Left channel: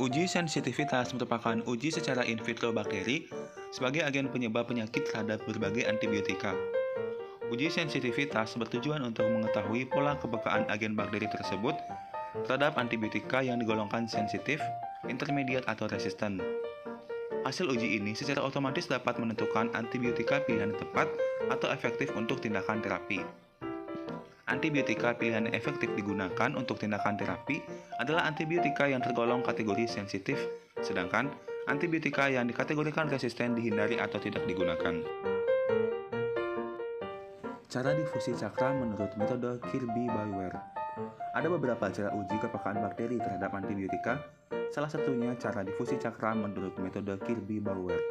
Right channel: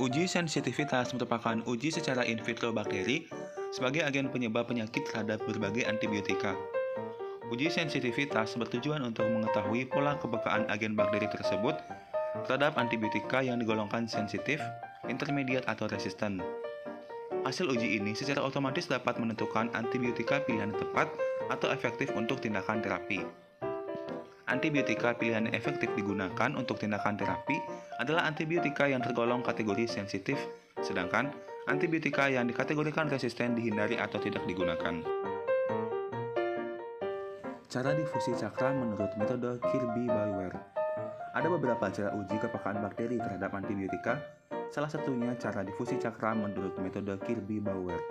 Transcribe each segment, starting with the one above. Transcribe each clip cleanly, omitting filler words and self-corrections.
Uji sensitivitas merupakan uji secara in vitro bakteri sebagai agen penyebab penyakit terhadap berbagai antibiotika. Uji sensitivitas bertujuan untuk mengetahui pola kepekaan agen bakteri tersebut terhadap antibiotika yang digolongkan sensitif, intermediat, atau resisten. Hasil uji ini secara otomatis dapat menentukan antibiotika pilihan yang tepat atau efektif untuk tindakan terapi. Antibiotika pilihan yang efektif digunakan untuk tindakan terapi adalah antibiotika yang tergolong kategori sensitif, sedangkan antibiotika yang dikategorikan resisten dihindari atau tidak digunakan. Cara difusi cakra menurut metode Kirby-Bauer. Ada beberapa cara uji kepekaan bakteri terhadap antibiotika, salah satunya cara difusi cakra menurut metode Kirby-Bauer.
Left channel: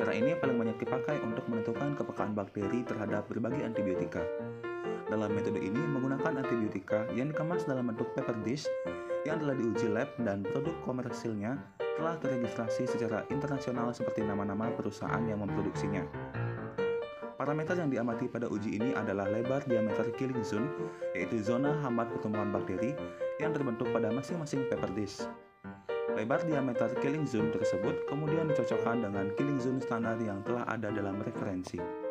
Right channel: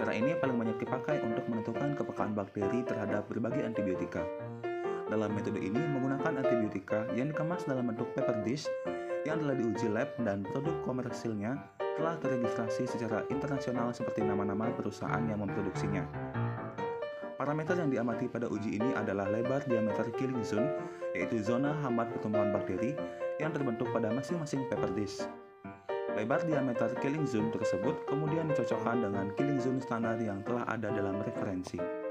Cara ini paling banyak dipakai untuk menentukan kepekaan bakteri terhadap berbagai antibiotika. Dalam metode ini menggunakan antibiotika yang dikemas dalam bentuk paper dish yang telah diuji lab dan produk komersilnya telah terregistrasi secara internasional seperti nama-nama perusahaan yang memproduksinya. Parameter yang diamati pada uji ini adalah lebar diameter killing zone, yaitu zona hambat pertumbuhan bakteri yang terbentuk pada masing-masing paper dish. Lebar diameter killing zone tersebut kemudian dicocokkan dengan killing zone standar yang telah ada dalam referensi.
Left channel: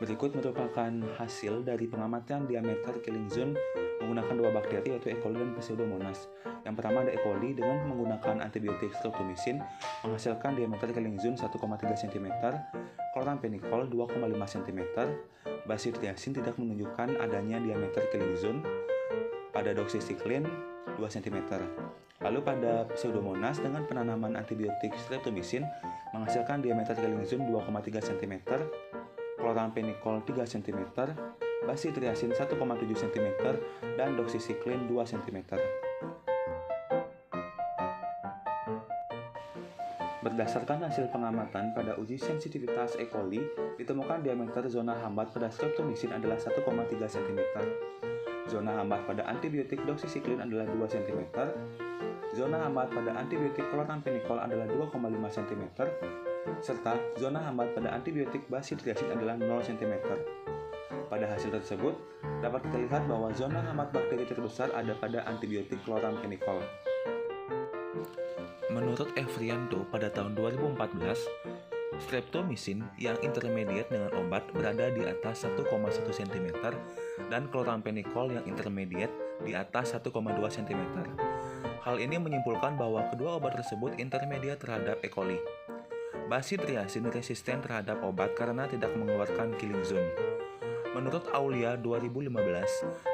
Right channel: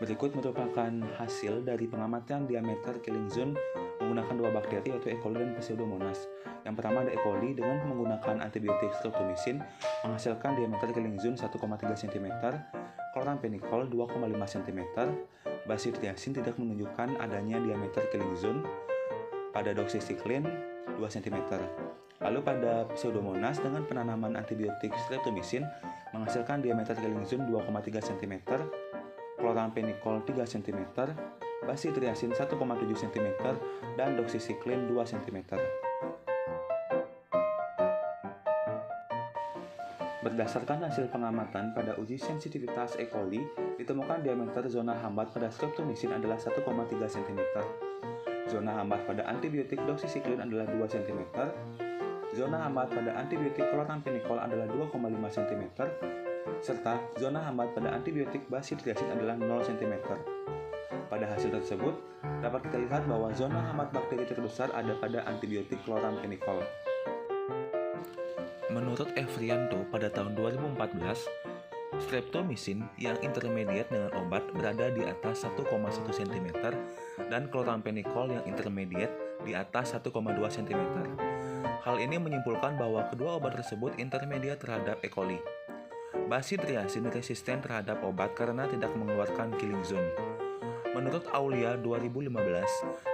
Berikut merupakan hasil dari pengamatan diameter killing zone menggunakan dua bakteri yaitu E. coli dan Pseudomonas. Yang pertama ada E. coli dengan menggunakan antibiotik streptomycin menghasilkan diameter killing zone 1,3 cm, chloramphenicol 2,5 cm, bacitriacin tidak menunjukkan adanya diameter killing zone, pada doxycycline 2 cm. Lalu pada Pseudomonas dengan penanaman antibiotik streptomycin menghasilkan diameter killing zone 2,3 cm, chloramphenicol 3 cm, bacitriacin 1,7 cm, dan doxycycline 2 cm. Berdasarkan hasil pengamatan pada uji sensitivitas E. coli, ditemukan diameter zona hambat pada streptomycin adalah 1,3 cm. Zona hambat pada antibiotik doxycycline adalah 2 cm. Zona hambat pada antibiotik chloramphenicol adalah 2,5 cm. Serta zona hambat pada antibiotik bacitriacin adalah 0 cm. Pada hasil tersebut, dapat kita lihat bahwa zona hambat bakteri terbesar ada pada antibiotik chloramphenicol. Menurut Evrianto pada tahun 2014, streptomycin yang intermediate dengan obat berada di atas 1,1 cm dan chloramphenicol yang intermediate di atas 1,2 cm. Hal ini menyimpulkan bahwa kedua obat tersebut intermediate terhadap E. coli. Bacitriacin resisten terhadap obat karena tidak mengeluarkan killing zone. Menurut Aulia 2015,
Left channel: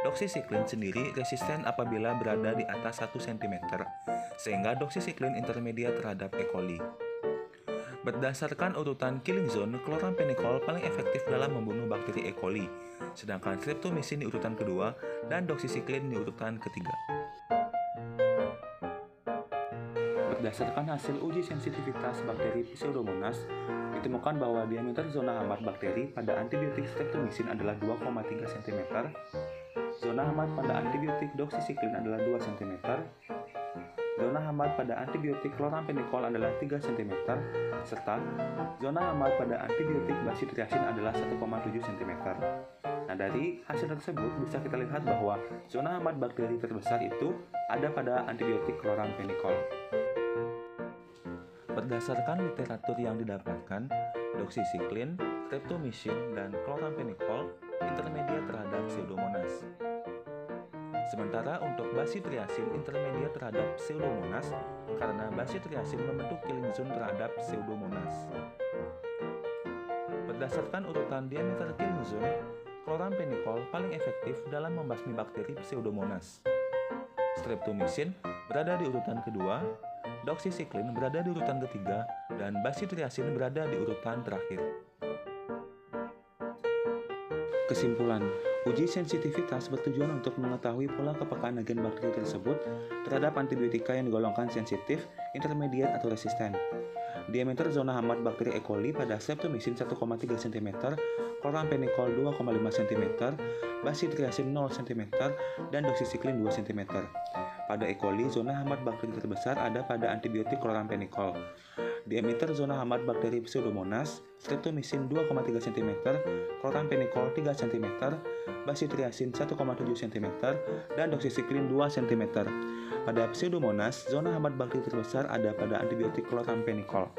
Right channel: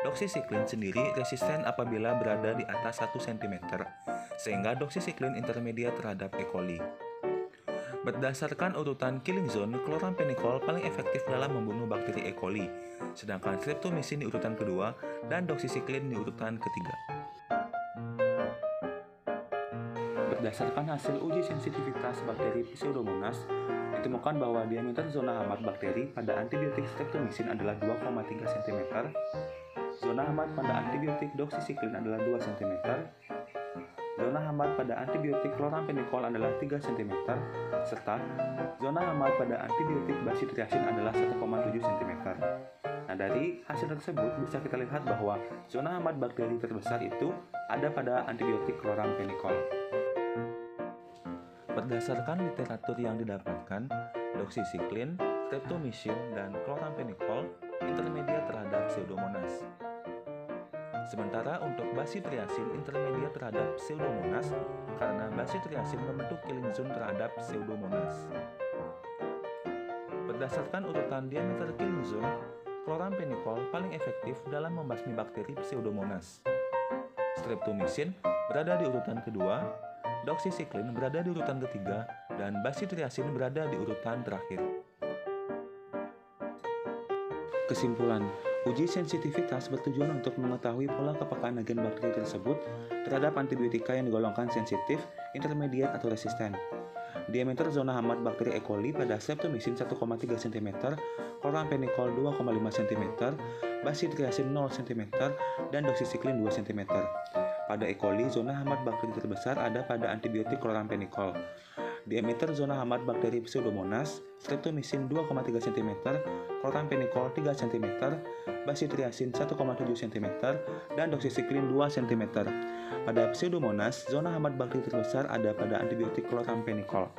doxycycline sendiri resisten apabila berada di atas 1 cm, sehingga doxycycline intermediate terhadap E. coli. Berdasarkan urutan killing zone, chloramphenicol paling efektif dalam membunuh bakteri E. coli, sedangkan streptomycin di urutan kedua dan doxycycline di urutan ketiga. Berdasarkan hasil uji sensitivitas bakteri Pseudomonas, ditemukan bahwa diameter zona hambat bakteri pada antibiotik streptomycin adalah 2,3 cm, zona hambat pada antibiotik doxycycline adalah 2 cm, zona hambat pada antibiotik chloramphenicol adalah 3 cm, serta zona hambat pada antibiotik bacitriacin adalah 1,7 cm. Nah, dari hasil tersebut bisa kita lihat bahwa zona hambat bakteri terbesar itu ada pada antibiotik chloramphenicol. Berdasarkan literatur yang didapatkan, doxycycline, streptomycin, dan chloramphenicol intermediate terhadap Pseudomonas. Sementara untuk bacitriacin intermediate terhadap Pseudomonas karena bacitriacin membentuk killing zone terhadap Pseudomonas. Berdasarkan urutan diameter killing zone, chloramphenicol paling efektif dalam membasmi bakteri Pseudomonas. Streptomycin berada di urutan kedua, doxycycline berada di urutan ketiga, dan bacitriacin berada di urutan terakhir. Kesimpulan, uji sensitivitas bertujuan untuk mengetahui pola kepekaan agen bakteri tersebut terhadap antibiotika yang digolongkan sensitif, intermediate, atau resisten. Diameter zona hambat bakteri E. coli pada streptomycin 1,3 cm, chloramphenicol 2,5 cm, bacitriacin 0 cm, dan doxycycline 2 cm. Pada E. coli, zona hambat bakteri terbesar ada pada antibiotik chloramphenicol. Diameter zona hambat bakteri Pseudomonas, streptomycin 2,3 cm, chloramphenicol 3 cm, bacitriacin 1,7 cm, dan doxycycline 2 cm. Pada Pseudomonas, zona hambat bakteri terbesar ada pada antibiotik chloramphenicol.